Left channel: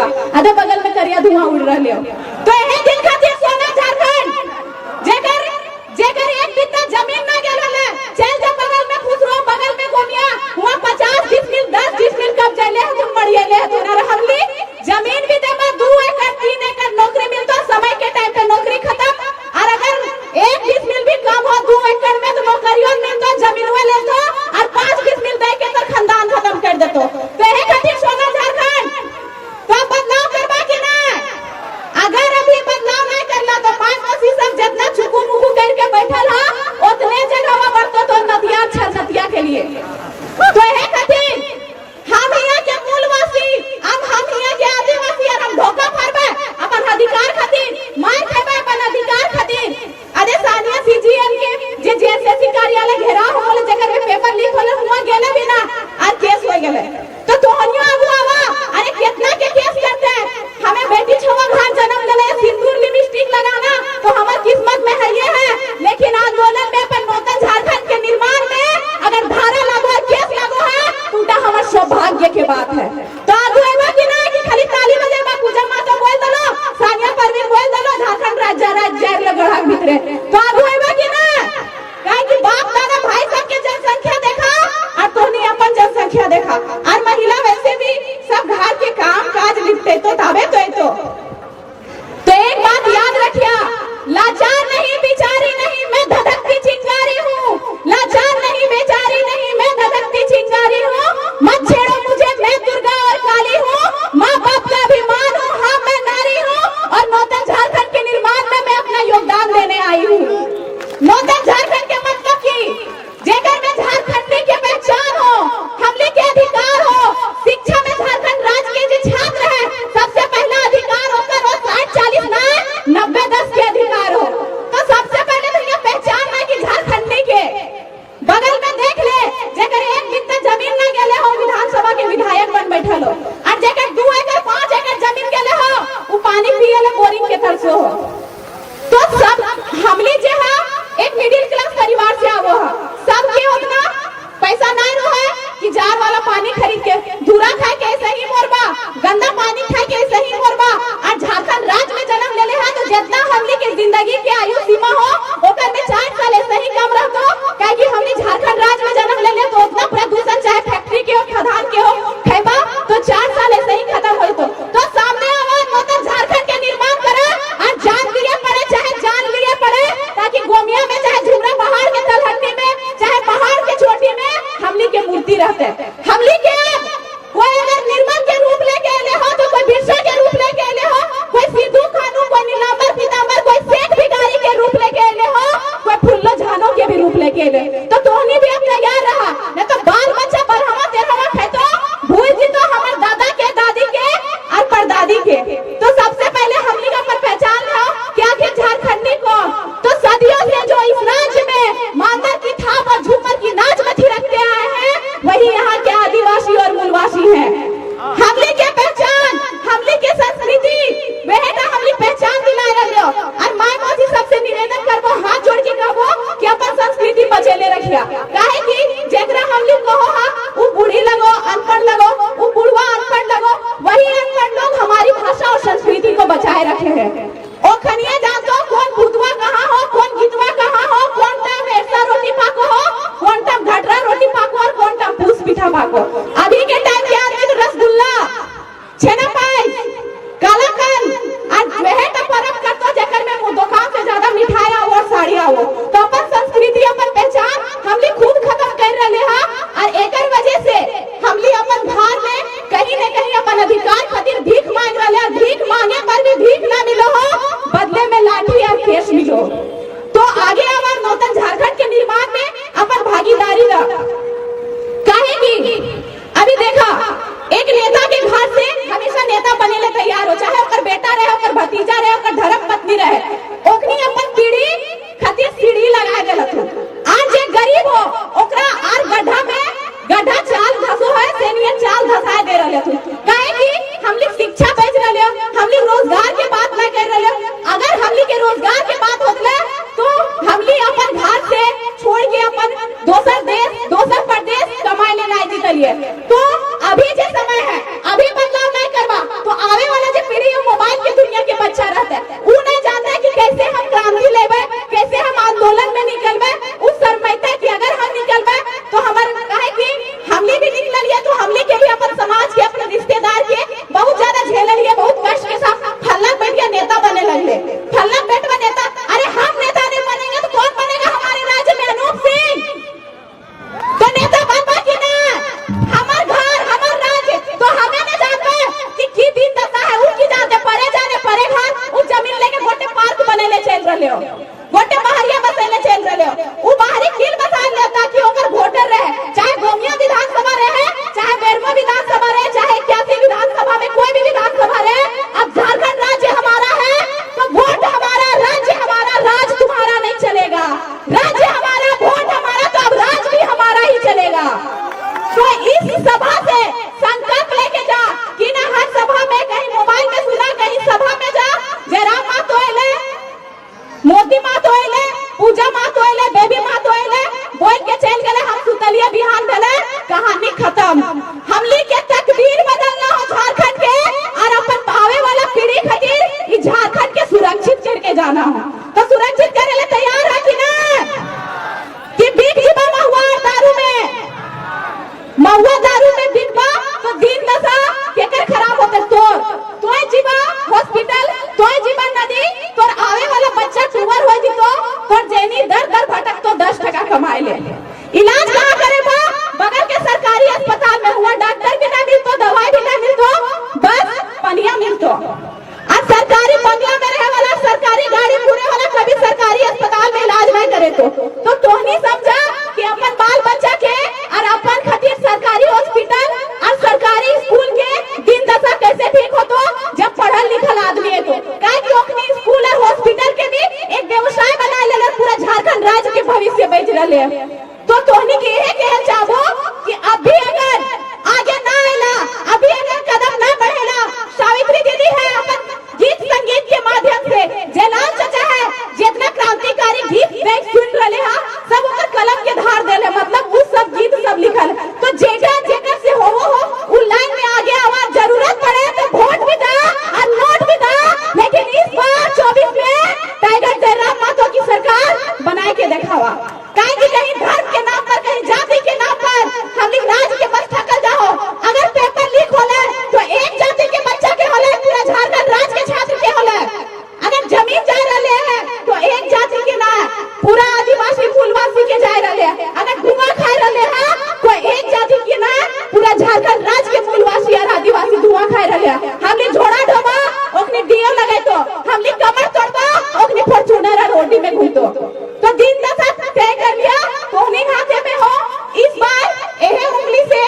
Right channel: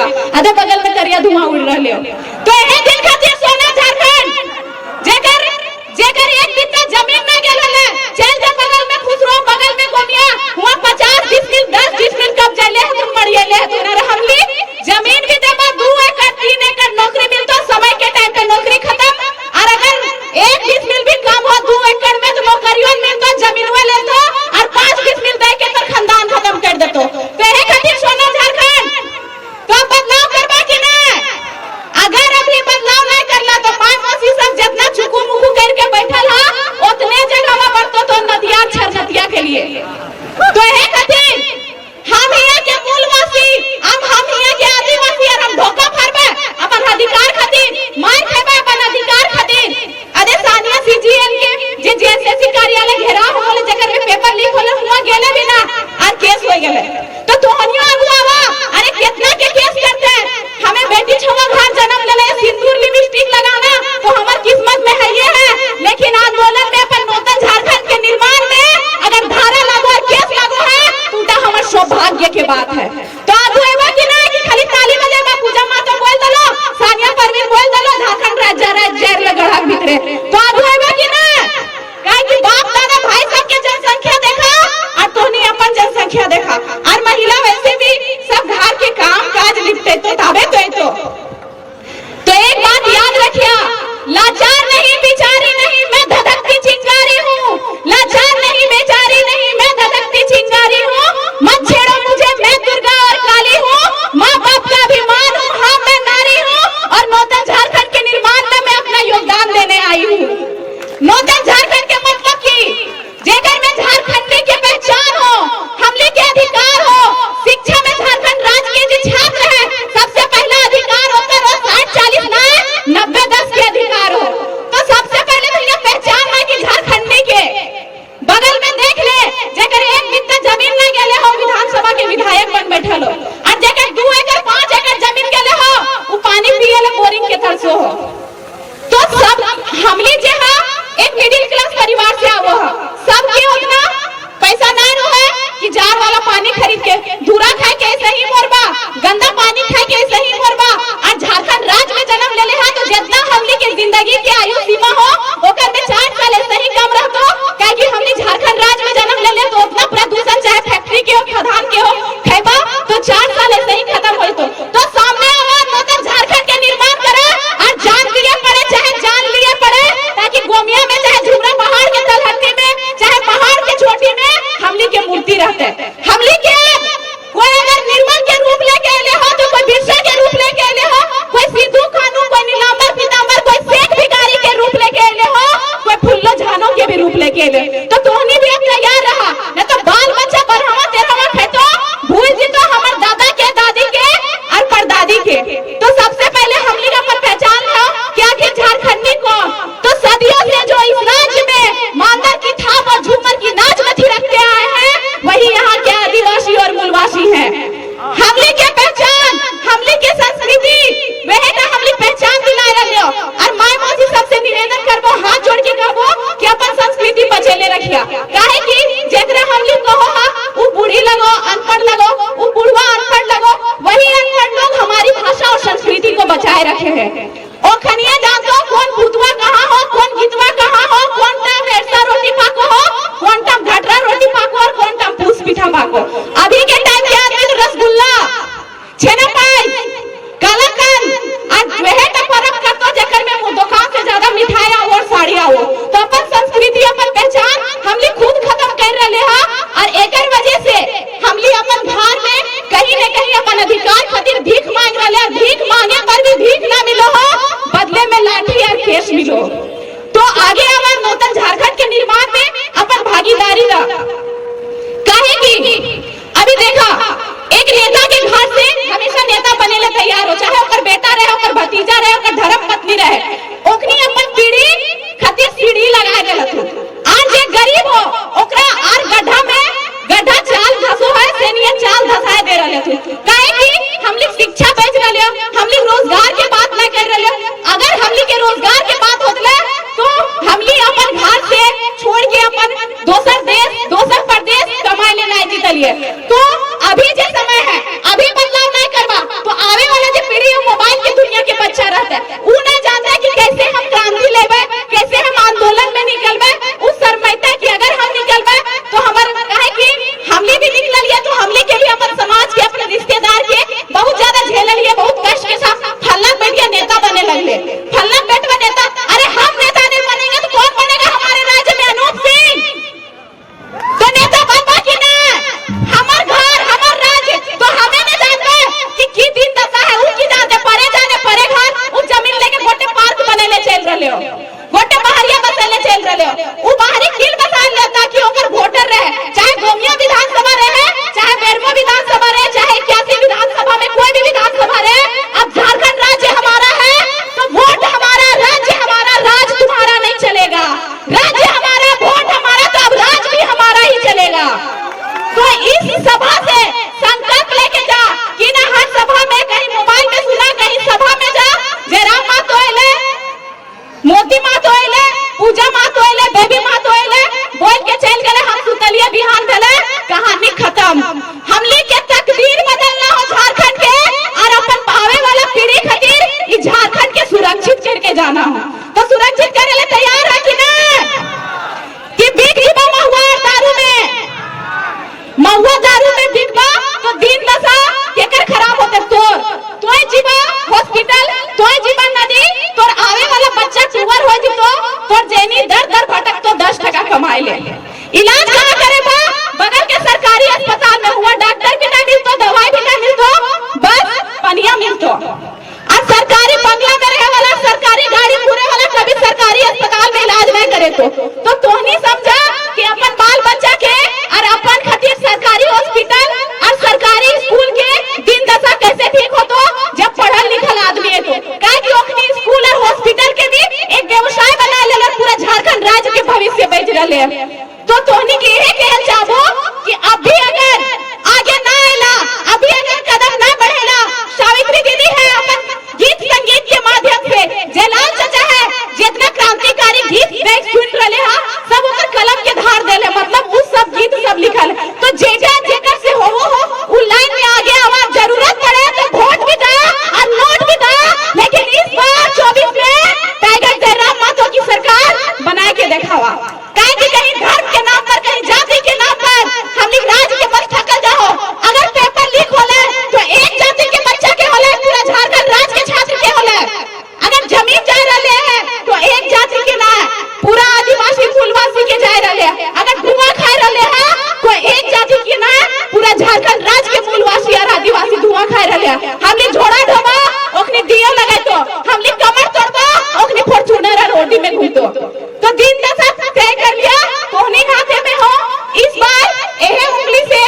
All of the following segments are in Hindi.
बा आधे बगल में करिया धुआं उड़ रहले हो। तो एहे दिन खातिर सोना झारखंड जेकर जेकर एक बित्ता जमीन ना गेल हले चल जा बगल में खुसरो बगल में गोनिया हुआ 50 डिसमिल 10 डिसमिल कब्जा ले है तुम मरिए ले है तुम हमली जमीन भी देबा 2 एकड़ 3 एकड़ नौकरी मिलता समय के टाइम पे नौकरी खत्म और अगर 1 डिसमिल भी कम हो 2 एकड़ में तो नौकरियों मिलता जमीन में ले तो और 5 डिसमिल दे के तो खानदान खत्म कर देतो। तो एहे खातिर सोना झारखंड तो बदलाव करबा कि ना अगर अभी बदलाव नहीं करला तो 5 वर्षी सब जितना चुकू मुकू करके बैठल हा उतने जगह में बढ़तो तो नदिया छरछतिया के लिए। तो एहे खातिर हम यहाँ के मूलवासी हम यहाँ के आदिवासी और हम ढोका फरबे अपन अधिकार खातिर मार खेबे अपन अधिकार खातिर। अरे सानिया सीजीएल के जे जेएसएससी कार्यालय घेराव होले जकर में पेपर लीक होले हुआ गेले भी ना और केस हो गेले तो तोहनियो अगुआवा अरे कितना के केस करते हैं हमें बेटी छोरा घर जन्म लेले सिंदूर लिपस्टिक लगाना तो हमार किस्मत में है ये है लेकिन आंदोलन में अपन नूतन झारखंड के निर्माण में अगर धारा लागू और केस लागू है तो हमार सौभाग्य के बात है। तो आजू एबा कि नहीं कि खाली ताली बजा में पूजा माता बोल दलो सानिया परवीन बोल दलो झारखंड राज्य लगड़ा भीतरे तो आजू एबा कि नहीं काहे कि बाप दादा भाई सब के जनसंख्या देखा और तोनी अपन जनसंख्या देखा और महिला वैसे भी सब घर के काम काज लिखते तो तबे तो एक बात याद रखिया लाचार नहीं बिचारी नहीं मैं धधकती चिंगारी हूँ लाचार नहीं बेचारी नहीं मैं धधकती चिंगारी हूँ मत छेड़ो मुझे मैं दुर्गा और काली हूँ माँ बाप का अभिमान हूँ हाँ मैं नारी हूँ और नूतन झारखंड के निर्माण में मैं अपना योगदान देने आई हूँ। नूतन झारखंड के मतलब की जेकर में झारखंडी के पहचान हो हमले के अधिकार हो शिक्षा में झारखंड राज्य के जो छात्र है सबसे पहला अधिकार होकर हो 60-40 ना 90-10 के अधिकार हो। तो सबसे पहले भैया पहचान है कि झारखंडी के बगल में देख ले जेकर एक बित्ता जमीन ना गेले हो विधानसभा के विधायक बन बैठल हो और जेकर 2 एकड़ 5 एकड़ जमीन गेले हो वो पानी पिए ले बोरिंग के तरसो हो। तो सब हमली जे है एक मिडिल क्लास परिवार से आवो है सबके उतना पैसा नहीं रहे कि जार वाला पानी खरीद के धूरा खाए के ऐसे ही मरबा गंदा पानी खाए के ऐसे ही मरबा और झारखंड राज्य में जन्म लेले है तो जितना हमली के जिंदगी के आयु सीमा हो ओकर में 4 साल ऐसे ही कम रहतो काहे कि हमली झारखंड राज्य में जन्म लेले तो उतना प्रदूषण चाहे फैक्ट्री के हो खदान के हो खैबा तो 4 साल ऐसे ही खत्म होइतो। तो सामने आवा नूतन झारखंड के निर्माण करे और जान लिए पड़े चाहे जान लिए पड़े ताकि गोमिया में चाहे झुमरा पहाड़ के तलहटी में चाहे पहाड़ के चोटी में हमली के मूर्ति रहते हमली के कोई अगर निर्मल के रूप लेके आले हो तो कोई बिरसा के रूप लेके आले हो कोई सिद्धू कानू कोई नीलांबर पीतांबर कोई शेख भिखारी के रूप लेके आले हो कोई फुल्लो झानो के भी रूप लेके आले तो तोहनी भी अब तैयार रहा न तो बाल बच्चा बढ़ावा तेरा खेतो भूल जी तो हमर दादा के दादी के और परदादी के। तो सबसे पहले हमली का पहचान लो कि आखिर झारखंडी कौन तो सदियों से जो इस राज्य में मांदर की थाप और झूमर की नाच मथी रखते आए हैं वही यहाँ के आदिवासी और मूलवासी हैं। हमली के पहचान हमली के संस्कृति वह का हमली पहचान दिलाए रहियो और माय मौसी सबसे निवेदन करबो हाथ जोड़ के कहबो कि अपन संस्कृति बचेले रखिया काहे कि जेकरा हमली कहो हा वो बूढ़ी लगो अनपढ़ लगो वो बुढ़वा अनपढ़ लगो वही अनपढ़ लोग हमारी भाषा और संस्कृति को बचाए रखे हैं। ओ खनिया जानतो कौन भूतवा कहाँ हो कौन गीतवा कहाँ हो कौन टाइम ऐसा रोटी पाको हो कौन टाइम घटरा रोटी पाको और कौन टाइम पूस पिठा पाको। अभी के टाइम के आदमी तो रसगुल्ला छेना पाई कालाकंद आज वह तक परब करतो जेकर में वो दुकान से ज्यादा मिठाई आओ और साड़ी आओ तो अपन संस्कृति अपन पहचान हमली खुद खत्म कर रहे हैं और एकर वजह से हमली अपन भार में कहीं न कहीं अपन अधिकार खातिर भीख मांग रहे हैं। भीख मांगे पर भी भीख ना मिलो हो बदले में दवाई ले। इलाज कहाँ करे बा? बगल के सरकारी अस्पताल में हुआ, डॉक्टर भी ना मिलतो, दवाई भी ना मिलतो, बस पनिया मिलतो। और सरकारी बंगला में रहे वाला, सरकारी गाड़ी पूरे वाला कभी सरकारी अस्पताल में इलाज नहीं करे तो तोहनी समझा कि अपन बाल बच्चा के और अपन खातिर सरकारी हॉस्पिटल और सरकारी स्कूल के दिन दशा कैसे ठीक हो तो जब पढ़ल लिखल आदमी है तो काहे कि ओखनी स्कूल और हॉस्पिटल के भी एक व्यवसाय बना लेले, पूरा झारखंड राज्य के भविष्य बेच रहले। तो तोहनी के यही कहल चाहबो कि अभी अगर आगे ना आएला, अभी अगर कदम ना बढ़ेला, सावित्री दीदी है अपन गीत संगीत के माध्यम से, जयलाल चाचा है जितना क्रांतिकारी गीत देख सुन रहे हैं सब उनका कलम के धार देले, मतलब उस सब गीत सब लिखल। तो जेजा जेकर से हो उ लाइन में आगे आवाज जरूरत पड़े तो वोट भी दा और नोट भी दा, लेकिन इस बार 24 में टाइगर जयराम माथुर की सरकार बना के दिखावा। कहीं धर्म के नाम पर, कहीं जाति के नाम पर हम लोग राज के बस थकल जाओ। अगर पेपर लीक होले तो एक जाति के बच्चा के होले, पूरा झारखंड राज्य के छात्र के होले। अगर जमीन जा रहे हैं तो एक जाति के ना, पूरा आदिवासी फूलवासी के जा रहे हैं। अगर धुआं खा रहे हैं तो एक जाति के ना, पूरा झारखंड राज्य के मूलवासी और आदिवासी धुआं खा रहे हैं। हम लोग झोड़ा ढोबा ओखनी दियो लगे तो हम लोग कमर तोड़बा, ओखनी फॉर्च्यूनर रोटी में घूमतो। तो दिन दशा तय कर लिया, कोने हाथे में हो। इस बार यह उंगली से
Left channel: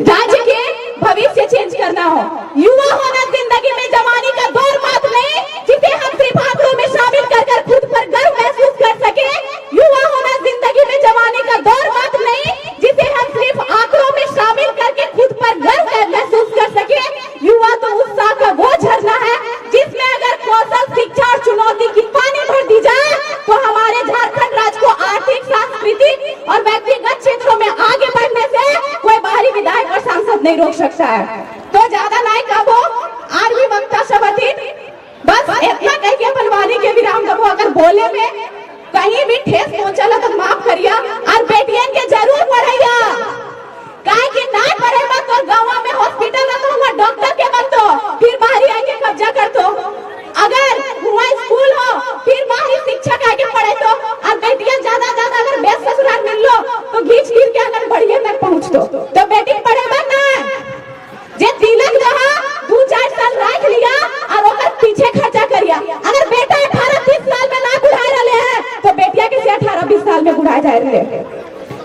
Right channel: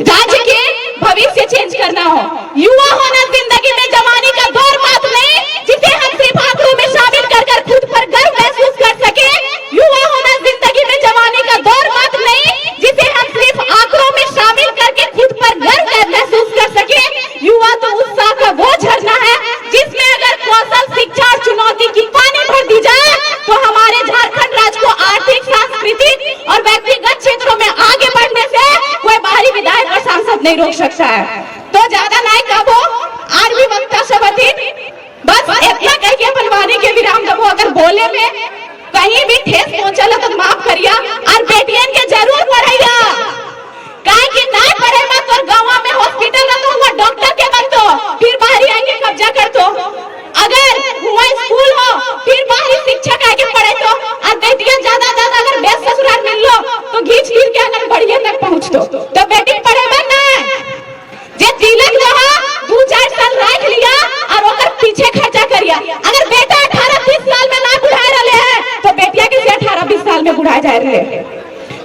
राज्य के भविष्य चेंज करना हो। युवा होना जिंदगी में जवानी का दौर बात नहीं, जिसे हम सिर्फ आंकड़ों में शामिल कर खुद पर गर्व महसूस कर सके। युवा होना जिंदगी में जवानी का दौर बात नहीं, जिसे हम सिर्फ आंकड़ों में शामिल करके खुद पर गर्व महसूस कर सके। युवा तो उत्साह का वो झरना है जिसमें अगर कौशल, शिक्षा और चुनौती की पानी भर दी जाए तो हमारे झारखंड राज्य को आर्थिक, सांस्कृतिक और व्यक्तिगत क्षेत्रों में आगे बढ़ने से कोई बाहरी विधायक और सांसद नहीं रोक सकता है। तो ज्यादा नहीं कहो, आज भी वक्ता सब बस इतना कह के अपन वाणी के विराम दबो। अगर बोले में कहीं भी ठेस पहुंचल तो माफ करिया, और बेटियन के जरूर पढ़ाइया। काहे कि नहीं पढ़ेगा तो गाँव में हॉस्पिटल ना तो हुआ डॉक्टर के बनतो, फिर बाहरी आएंगे कब्जा करतो। अगर हुआ स्कूल हो फिर बाहरी शिक्षक आके पढ़े तो, और बेटियां ज्यादा अगर बेस ससुराल मिल लो तो घींच गिर के अगर बढ़िया तक पहुंच तो बेटी पढ़े में ना जे तिलक रहा 2-4 साल रख लिया और ओकर पीछे खर्चा करिया। अगर बेटा 18-20 साल में ना बुढ़ा रहे हैं तो बेटिया के 18-20 साल में बुढ़ा जा रहे हैं।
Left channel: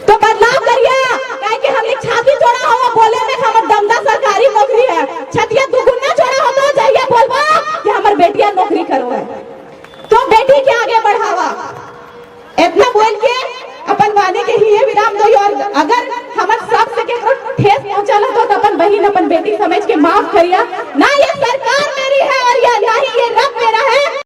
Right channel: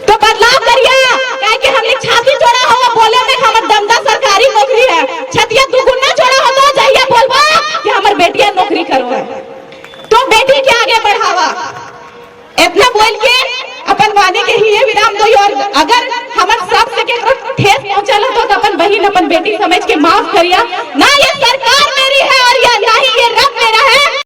तो बदलाव करिया, काहे कि हम लोग छाती जोड़ा हो बोले में हमर दमदा सरकारी नौकरी है, छतिया दुगुना जोड़ा हो तो जाइए बोलबा कि हमर बेटिया नौकरी करो है। तो बेटी के आगे बढ़ावा। इतना बोल के अपन वाणी के ही विराम दो। और अगर हमर सब से के ठेस पहुंचल तो अपन बहिन अपन बेटी समझ के माफ करिया ना।